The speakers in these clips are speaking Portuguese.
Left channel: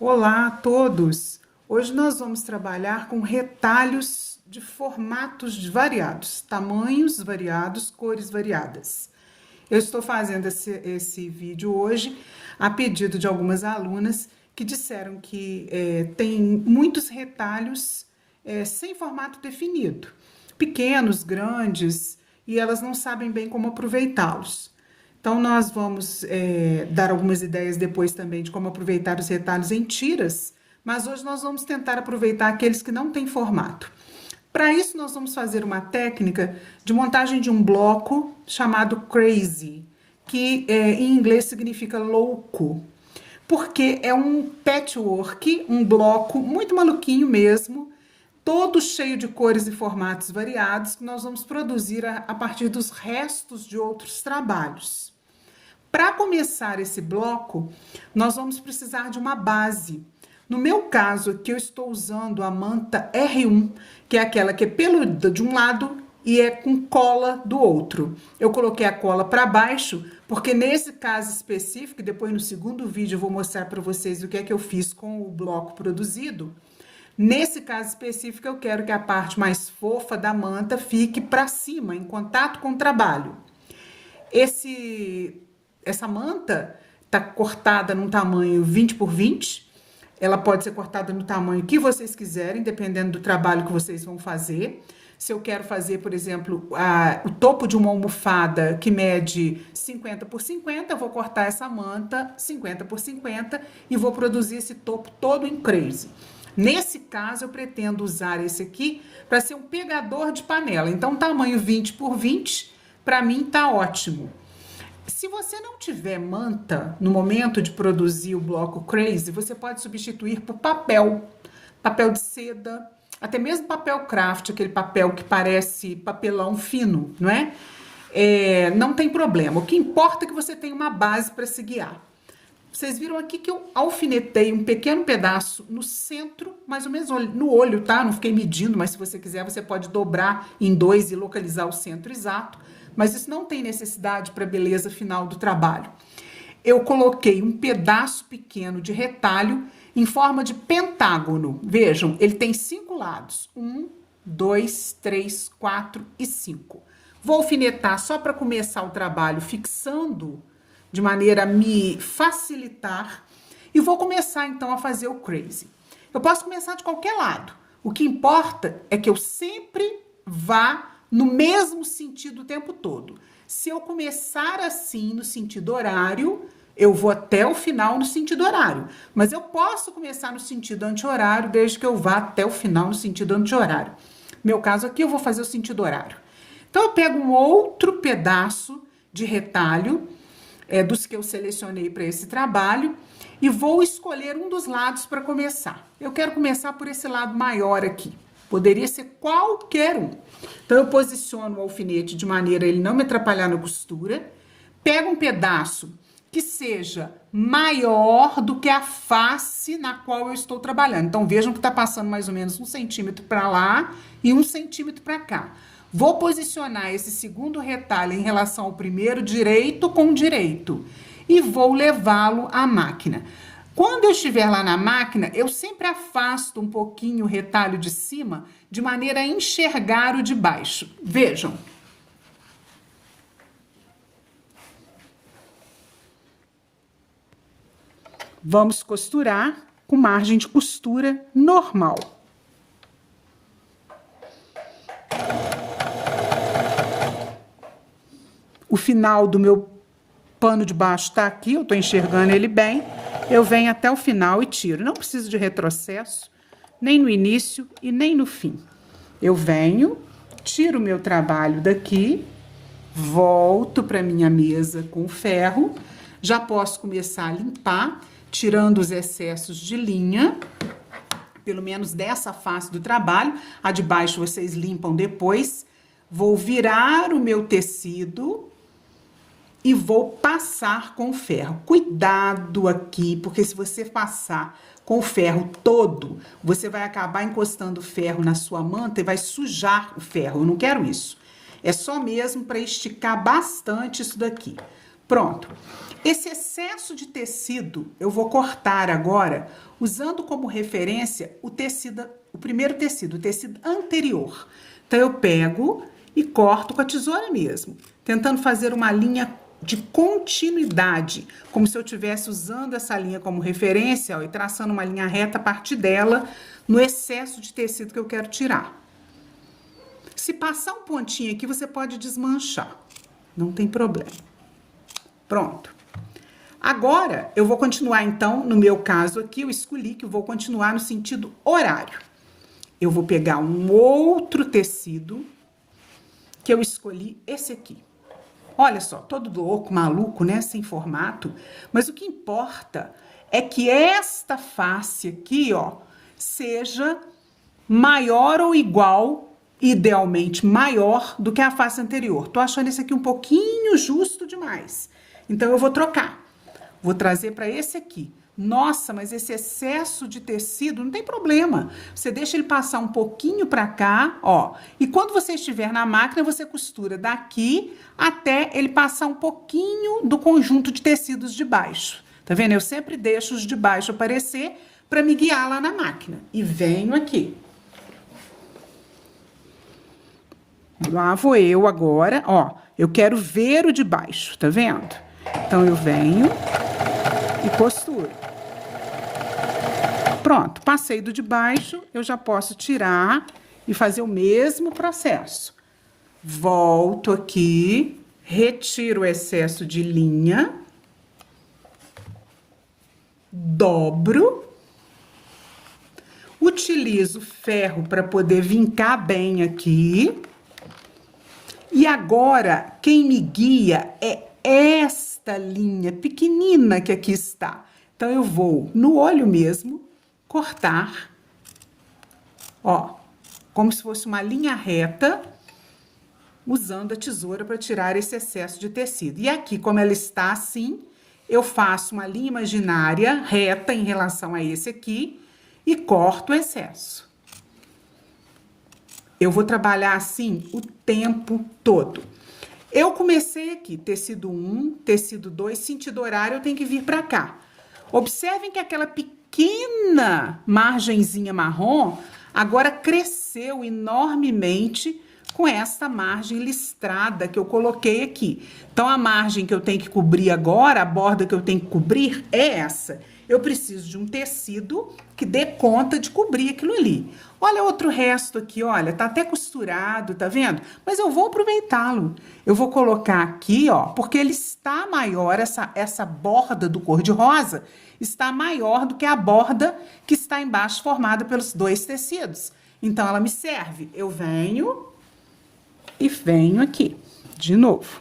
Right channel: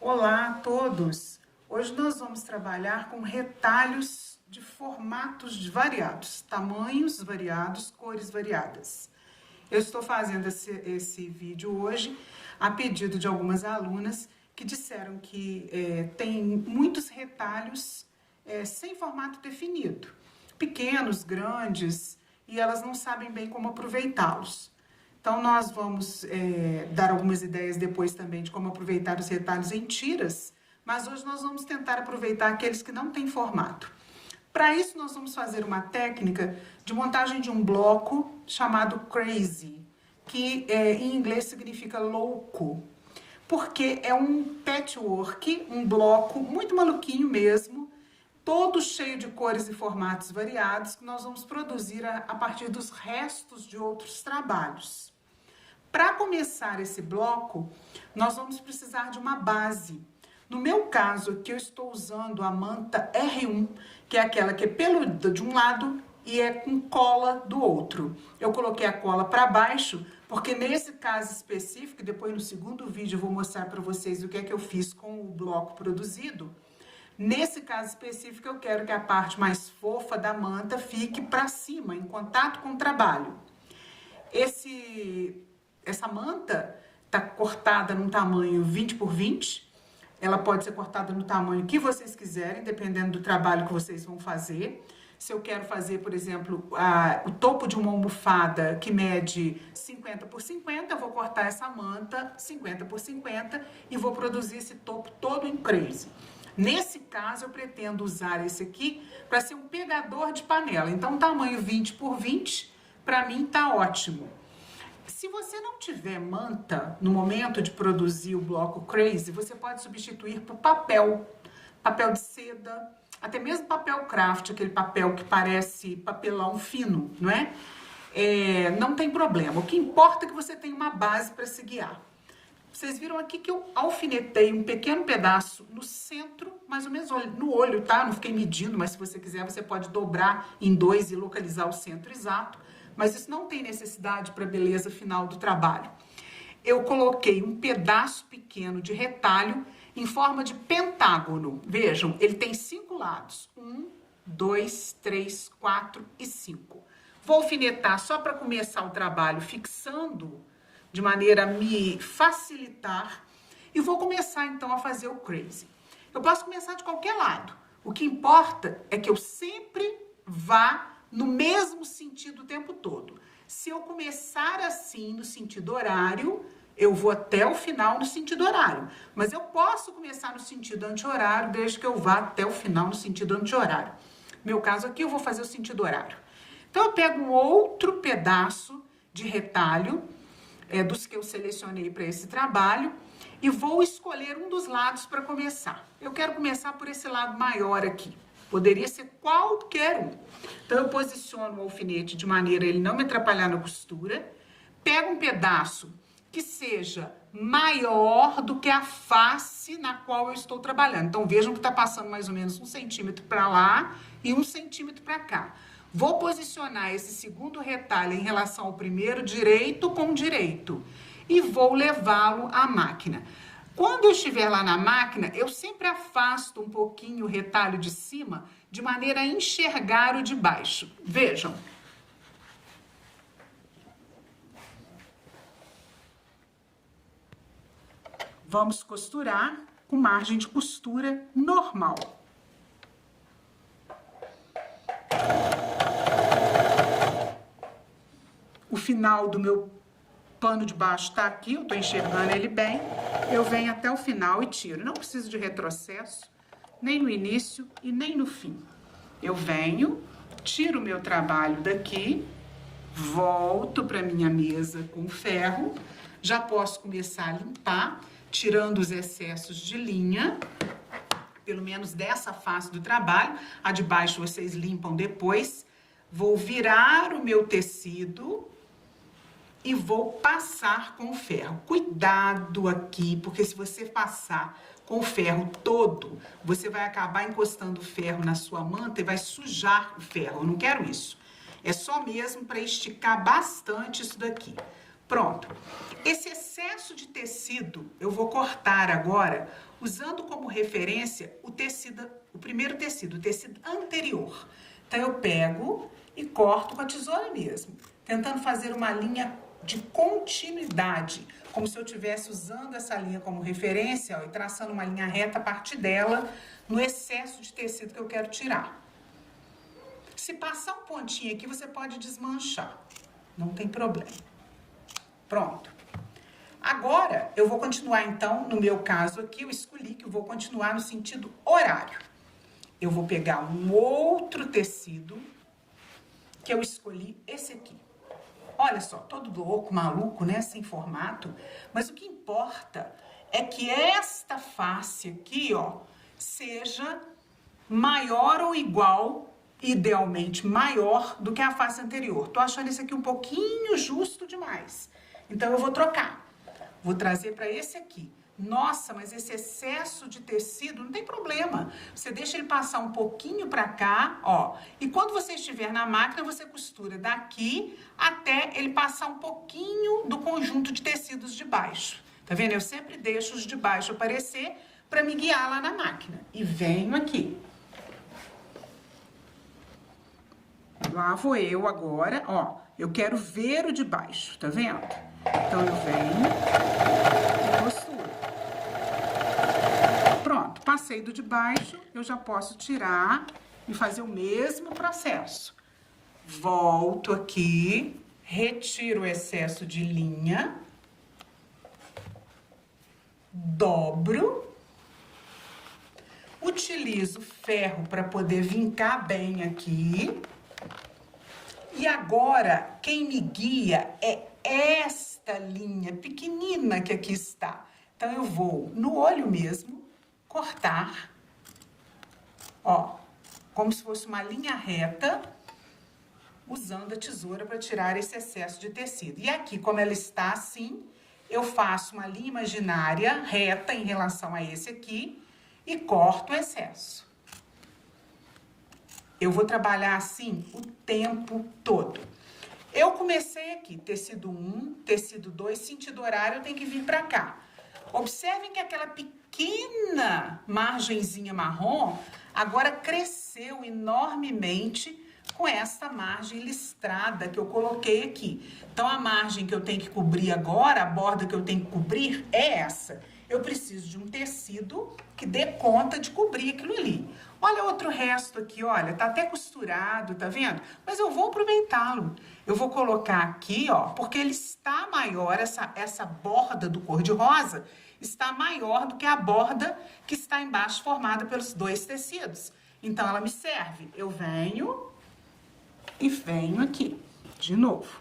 Olá a todos! Hoje nós vamos trabalhar com retalhos de formatos variados, tamanhos variados, cores variadas. Eu estou fazendo esse vídeo hoje a pedido de algumas alunas que disseram que tem muitos retalhos sem formato definido, pequenos, grandes, e elas não sabem bem como aproveitá-los. Então, nós vamos dar algumas ideias depois também de como aproveitar os retalhos em tiras, mas hoje nós vamos tentar aproveitar aqueles que não têm formato. Para isso, nós vamos fazer uma técnica de montagem de um bloco chamado crazy, que em inglês significa louco, porque é um patchwork, um bloco muito maluquinho mesmo, todo cheio de cores e formatos variados, que nós vamos produzir a partir dos restos de outros trabalhos. Para começar esse bloco, nós vamos precisar de uma base. No meu caso aqui, eu estou usando a manta R1, que é aquela que é peluda de um lado e é com cola do outro. Eu coloquei a cola para baixo, porque nesse caso específico, depois no segundo vídeo eu vou mostrar para vocês o que é que eu fiz com o bloco produzido. Nesse caso específico, eu quero que a parte mais fofa da manta fique para cima, em contato com o trabalho. Essa manta está cortada num tamanho 20 por 20. Ela pode ser cortada no tamanho que vocês quiserem, dependendo do trabalho que vocês vão fazer. Se eu quero fazer, por exemplo, o topo de uma almofada que mede 50 por 50, eu vou cortar essa manta 50 por 50 e vou produzir esse topo todo em crazy. Nesse caso, eu pretendo usar esse aqui para ser um pegador de panela. Então, tamanho 20 por 20, para mim, tá ótimo. Se você não tiver manta no momento de produzir o bloco crazy, você pode substituir por papel de seda, até mesmo papel craft, aquele papel que parece papelão fino, não é? Não tem problema. O que importa é que você tenha uma base para se guiar. Vocês viram aqui que eu alfinetei um pequeno pedaço no centro, mais ou menos no olho, tá? Não fiquei medindo, mas se você quiser, você pode dobrar em dois e localizar o centro exato. Mas isso não tem necessidade para a beleza final do trabalho. Eu coloquei um pedaço pequeno de retalho em forma de pentágono. Vejam, ele tem 5 lados. 1, 2, 3, 4 e 5. Vou alfinetar só para começar o trabalho, fixando de maneira a me facilitar. E vou começar, então, a fazer o crazy. Eu posso começar de qualquer lado. O que importa é que eu sempre vá no mesmo sentido o tempo todo. Se eu começar assim no sentido horário, eu vou até o final no sentido horário. Mas eu posso começar no sentido anti-horário, desde que eu vá até o final no sentido anti-horário. No meu caso aqui, eu vou fazer o sentido horário. Então, eu pego um outro pedaço de retalho, dos que eu selecionei para esse trabalho, e vou escolher um dos lados para começar. Eu quero começar por esse lado maior aqui. Poderia ser qualquer um. Então, eu posiciono o alfinete de maneira a ele não me atrapalhar na costura. Pego um pedaço que seja maior do que a face na qual eu estou trabalhando. Então, vejam que está passando mais ou menos 1 centímetro para lá e 1 centímetro para cá. Vou posicionar esse segundo retalho em relação ao primeiro, direito com direito. E vou levá-lo à máquina. Quando eu estiver lá na máquina, eu sempre afasto um pouquinho o retalho de cima, de maneira a enxergar o de baixo. Vejam. Vamos costurar com margem de costura normal. O final do meu pano de baixo tá aqui, eu tô enxergando ele bem. Eu venho até o final e tiro. Não preciso de retrocesso, nem no início e nem no fim. Eu venho, tiro o meu trabalho daqui, volto para minha mesa com o ferro. Já posso começar a limpar, tirando os excessos de linha, pelo menos dessa face do trabalho. A de baixo vocês limpam depois. Vou virar o meu tecido e vou passar com o ferro. Cuidado aqui, porque se você passar com o ferro todo, você vai acabar encostando o ferro na sua manta e vai sujar o ferro. Eu não quero isso. É só mesmo para esticar bastante isso daqui. Pronto. Esse excesso de tecido eu vou cortar agora, usando como referência o tecido, o primeiro tecido, o tecido anterior. Então, eu pego e corto com a tesoura mesmo, tentando fazer uma linha de continuidade, como se eu estivesse usando essa linha como referência, ó, e traçando uma linha reta a partir dela, no excesso de tecido que eu quero tirar. Se passar um pontinho aqui, você pode desmanchar, não tem problema. Pronto. Agora, eu vou continuar, então, no meu caso aqui, eu escolhi que eu vou continuar no sentido horário. Eu vou pegar um outro tecido, que eu escolhi esse aqui. Olha só, todo louco, maluco, né, sem formato. Mas o que importa é que esta face aqui, ó, seja maior ou igual, idealmente maior, do que a face anterior. Tô achando esse aqui um pouquinho justo demais. Então, eu vou trocar. Vou trazer para esse aqui. Nossa, mas esse excesso de tecido não tem problema. Você deixa ele passar um pouquinho para cá, ó. E quando você estiver na máquina, você costura daqui até ele passar um pouquinho do conjunto de tecidos de baixo. Tá vendo? Eu sempre deixo os de baixo aparecer para me guiar lá na máquina. E venho aqui. Lá vou eu agora, ó. Eu quero ver o de baixo, tá vendo? Então, eu venho e costuro. Pronto, passei do de baixo, eu já posso tirar e fazer o mesmo processo. Volto aqui, retiro o excesso de linha, dobro, utilizo ferro para poder vincar bem aqui. E agora, quem me guia é esta linha pequenina que aqui está. Então, eu vou no olho mesmo, cortar, ó, como se fosse uma linha reta, usando a tesoura para tirar esse excesso de tecido. E aqui, como ela está assim, eu faço uma linha imaginária reta em relação a esse aqui e corto o excesso. Eu vou trabalhar assim o tempo todo. Eu comecei aqui, tecido 1, tecido 2, sentido horário, eu tenho que vir para cá. Observem que aquela pequena margenzinha marrom agora cresceu enormemente com esta margem listrada que eu coloquei aqui. Então, a margem que eu tenho que cobrir agora, a borda que eu tenho que cobrir é essa. Eu preciso de um tecido que dê conta de cobrir aquilo ali. Olha outro resto aqui, olha, tá até costurado, tá vendo? Mas eu vou aproveitá-lo. Eu vou colocar aqui, ó, porque ele está maior, essa borda do cor-de-rosa está maior do que a borda que está embaixo formada pelos dois tecidos. Então, ela me serve. Eu venho e venho aqui, de novo.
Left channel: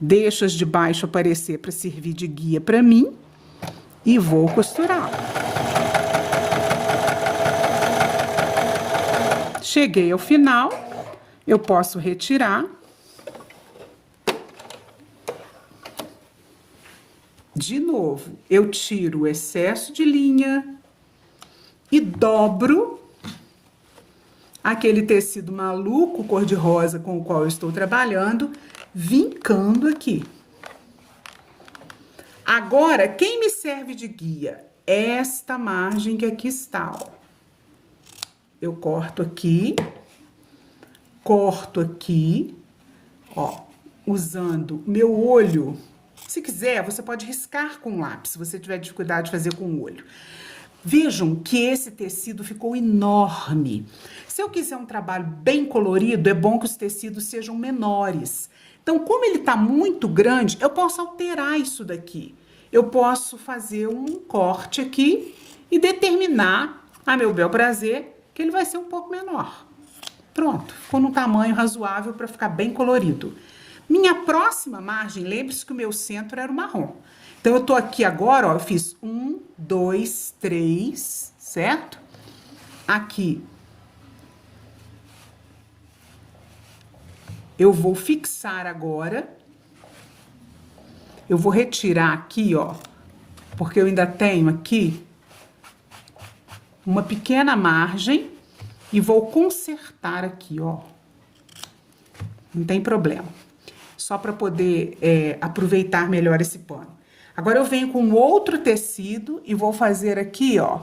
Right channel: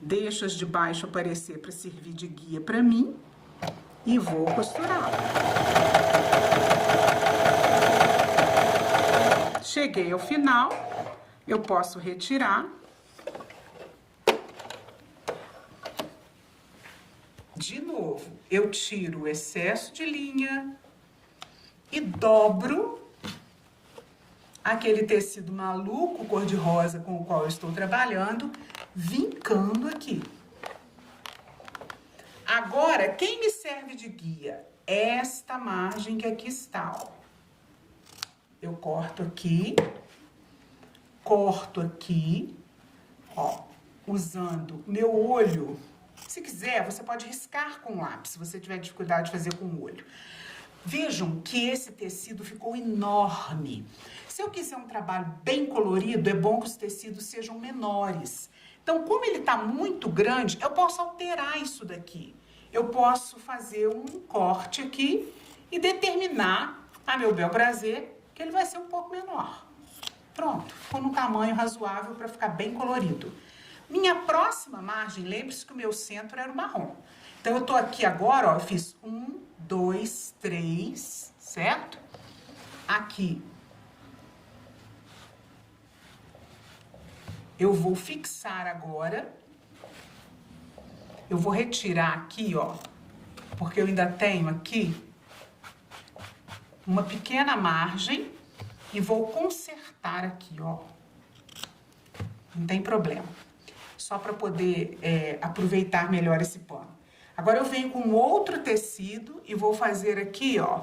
Deixo as de baixo aparecer para servir de guia para mim e vou costurar. Cheguei ao final, eu posso retirar. De novo, eu tiro o excesso de linha e dobro aquele tecido maluco cor-de-rosa com o qual eu estou trabalhando, vincando aqui. Agora, quem me serve de guia? Esta margem que aqui está, ó. Eu corto aqui, ó, usando meu olho. Se quiser, você pode riscar com lápis, se você tiver dificuldade de fazer com o olho. Vejam que esse tecido ficou enorme. Se eu quiser um trabalho bem colorido, é bom que os tecidos sejam menores. Então, como ele está muito grande, eu posso alterar isso daqui. Eu posso fazer um corte aqui e determinar, a meu bel prazer, que ele vai ser um pouco menor. Pronto, ficou num tamanho razoável para ficar bem colorido. Minha próxima margem, lembre-se que o meu centro era o marrom. Então, eu tô aqui agora, ó, eu fiz 1, 2, 3, certo? Aqui. Eu vou fixar agora. Eu vou retirar aqui, ó, porque eu ainda tenho aqui uma pequena margem e vou consertar aqui, ó. Não tem problema. só para poder aproveitar melhor esse pano. Agora eu venho com outro tecido e vou fazer aqui, ó,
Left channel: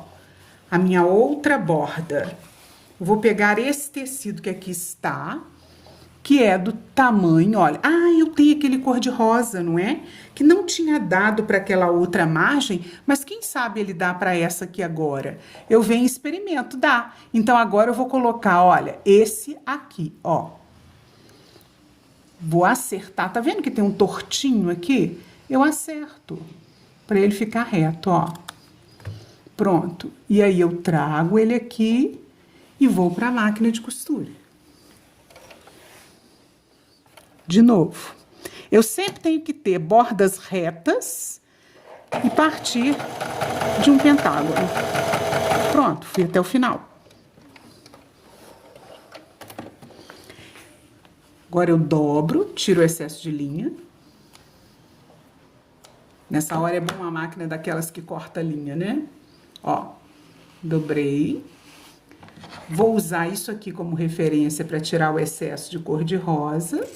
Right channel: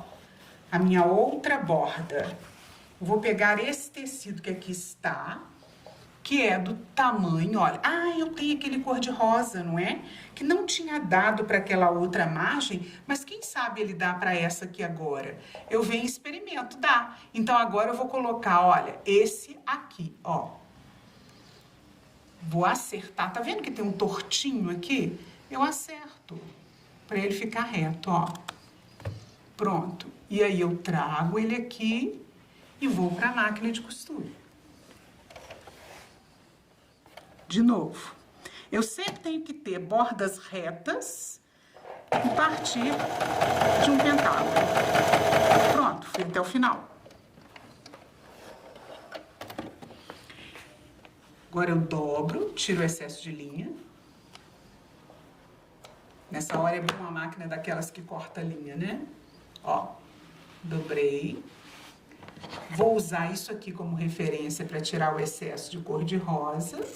a minha outra borda. Eu vou pegar esse tecido que aqui está, que é do tamanho, olha, eu tenho aquele cor-de-rosa, não é? Que não tinha dado para aquela outra margem, mas quem sabe ele dá para essa aqui agora. Eu venho e experimento, dá. Então agora eu vou colocar, olha, esse aqui, ó. Vou acertar, tá vendo que tem um tortinho aqui? Eu acerto, para ele ficar reto, ó. Pronto. E aí eu trago ele aqui e vou para a máquina de costura. De novo, eu sempre tenho que ter bordas retas e partir de um pentágono. Pronto, fui até o final. Agora eu dobro, tiro o excesso de linha. Nessa hora é bom uma máquina daquelas que corta a linha, né? Ó, dobrei. Vou usar isso aqui como referência para tirar o excesso de cor-de-rosa.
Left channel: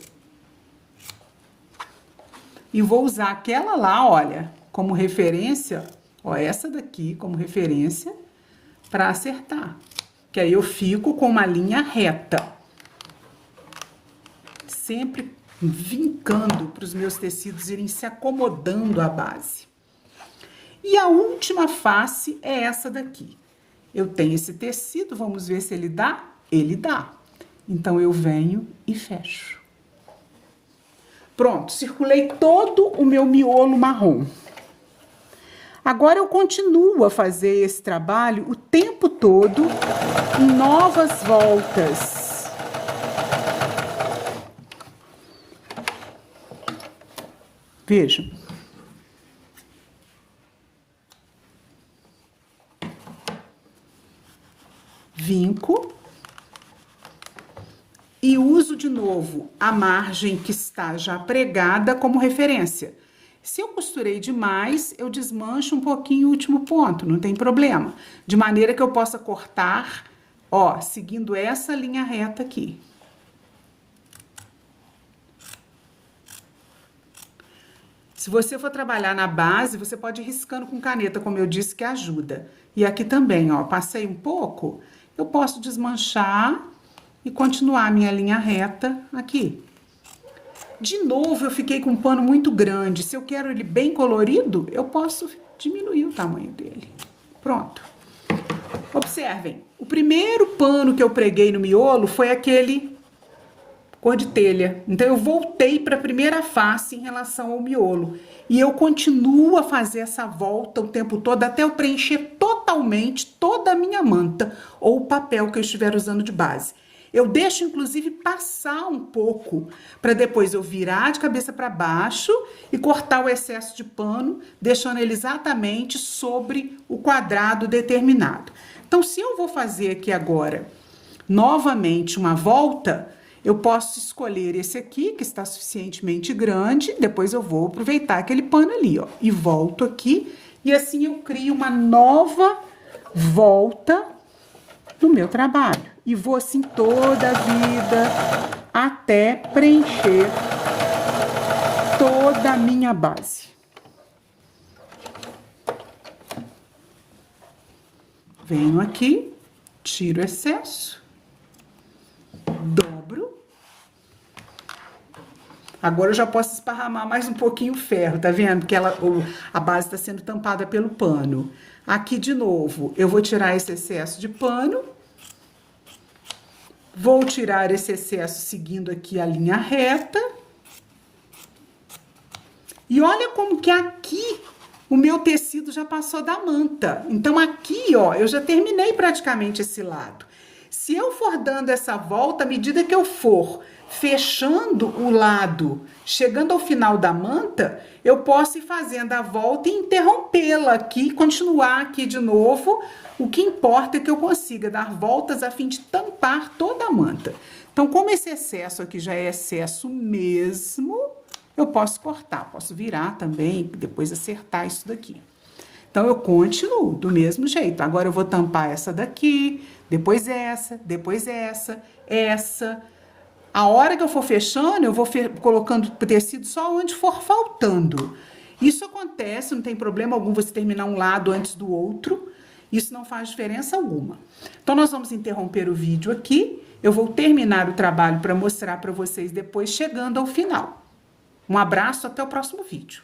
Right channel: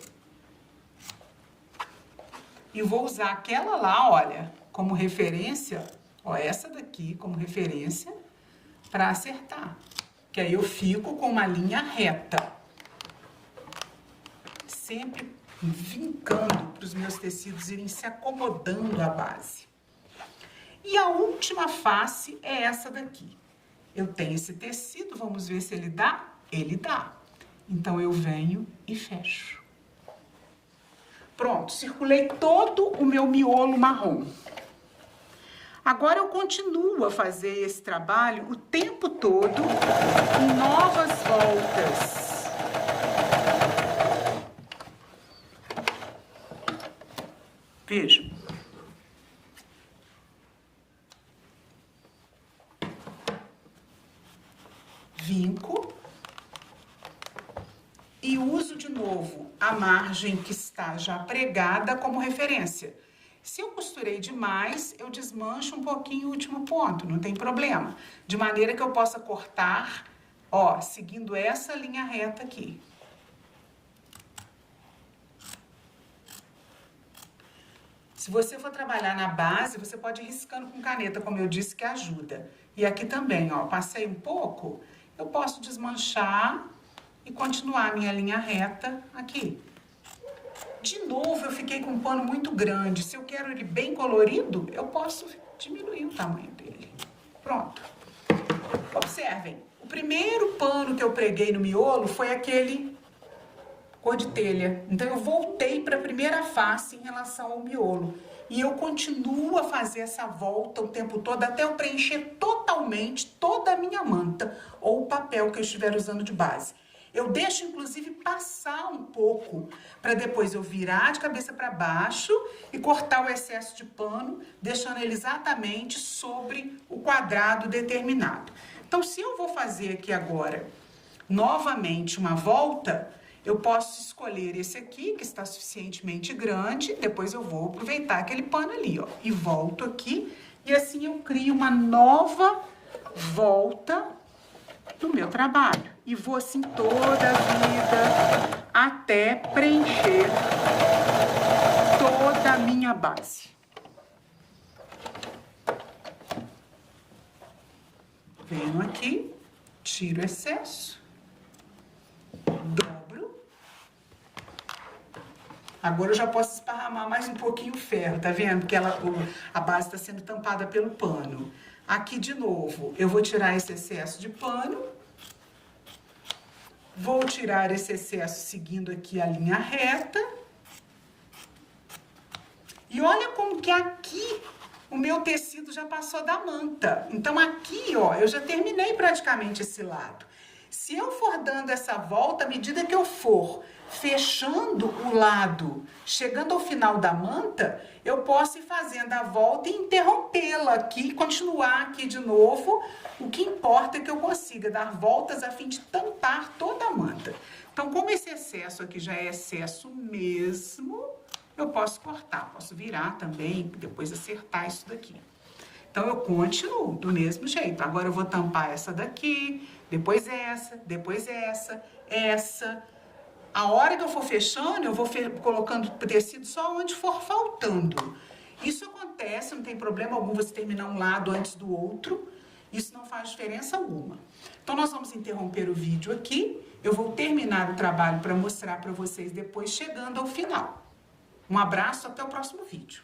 E vou usar aquela lá, olha, como referência, ó, essa daqui como referência para acertar. Que aí eu fico com uma linha reta. Sempre vincando para os meus tecidos irem se acomodando à base. E a última face é essa daqui. Eu tenho esse tecido, vamos ver se ele dá? Ele dá. Então, eu venho e fecho. Pronto, circulei todo o meu miolo marrom. Agora, eu continuo a fazer esse trabalho o tempo todo, em novas voltas. Vejam. Vinco. E uso de novo a margem que está já pregada como referência. Se eu costurei demais, eu desmancho um pouquinho o último ponto, não tem problema. De maneira que eu possa cortar, ó, seguindo essa linha reta aqui. Se você for trabalhar na base, você pode ir riscando com caneta, como eu disse, que ajuda. E aqui também, ó, passei um pouco, eu posso desmanchar e continuar a minha linha reta aqui. De novo, eu fiquei com um pano muito grande. Se eu quero ele bem colorido, eu posso diminuir o tamanho dele. Pronto. Observem, o primeiro pano que eu preguei no miolo foi aquele cor de telha. Então, eu voltei para a primeira face em relação ao miolo. E eu continuo a fazer essa volta o tempo todo, até eu preencher totalmente toda a minha manta ou o papel que eu estiver usando de base. Eu deixo, inclusive, passar um pouco, para depois eu virar de cabeça para baixo e cortar o excesso de pano, deixando ele exatamente sobre o quadrado determinado. Então, se eu vou fazer aqui agora, novamente, uma volta, eu posso escolher esse aqui, que está suficientemente grande, depois eu vou aproveitar aquele pano ali, ó, e volto aqui, e assim eu crio uma nova volta no meu trabalho. E vou assim toda a vida, até preencher toda a minha base. Venho aqui, tiro o excesso, dobro. Agora eu já posso esparramar mais um pouquinho o ferro, tá vendo? Que a base está sendo tampada pelo pano. Aqui de novo, eu vou tirar esse excesso de pano. Vou tirar esse excesso seguindo aqui a linha reta. E olha como que aqui o meu tecido já passou da manta. Então, aqui, ó, eu já terminei praticamente esse lado. Se eu for dando essa volta, à medida que eu for fechando o lado, chegando ao final da manta, eu posso ir fazendo a volta e interrompê-la aqui, continuar aqui de novo. O que importa é que eu consiga dar voltas a fim de tampar toda a manta. Então, como esse excesso aqui já é excesso mesmo, eu posso cortar, posso virar também, depois acertar isso daqui. Então, eu continuo do mesmo jeito. Agora, eu vou tampar essa daqui, depois essa, essa. A hora que eu for fechando, eu vou colocando o tecido só onde for faltando. Isso acontece, não tem problema algum você terminar um lado antes do outro. Isso não faz diferença alguma. Então, nós vamos interromper o vídeo aqui. Eu vou terminar o trabalho para mostrar para vocês depois, chegando ao final. Um abraço, até o próximo vídeo.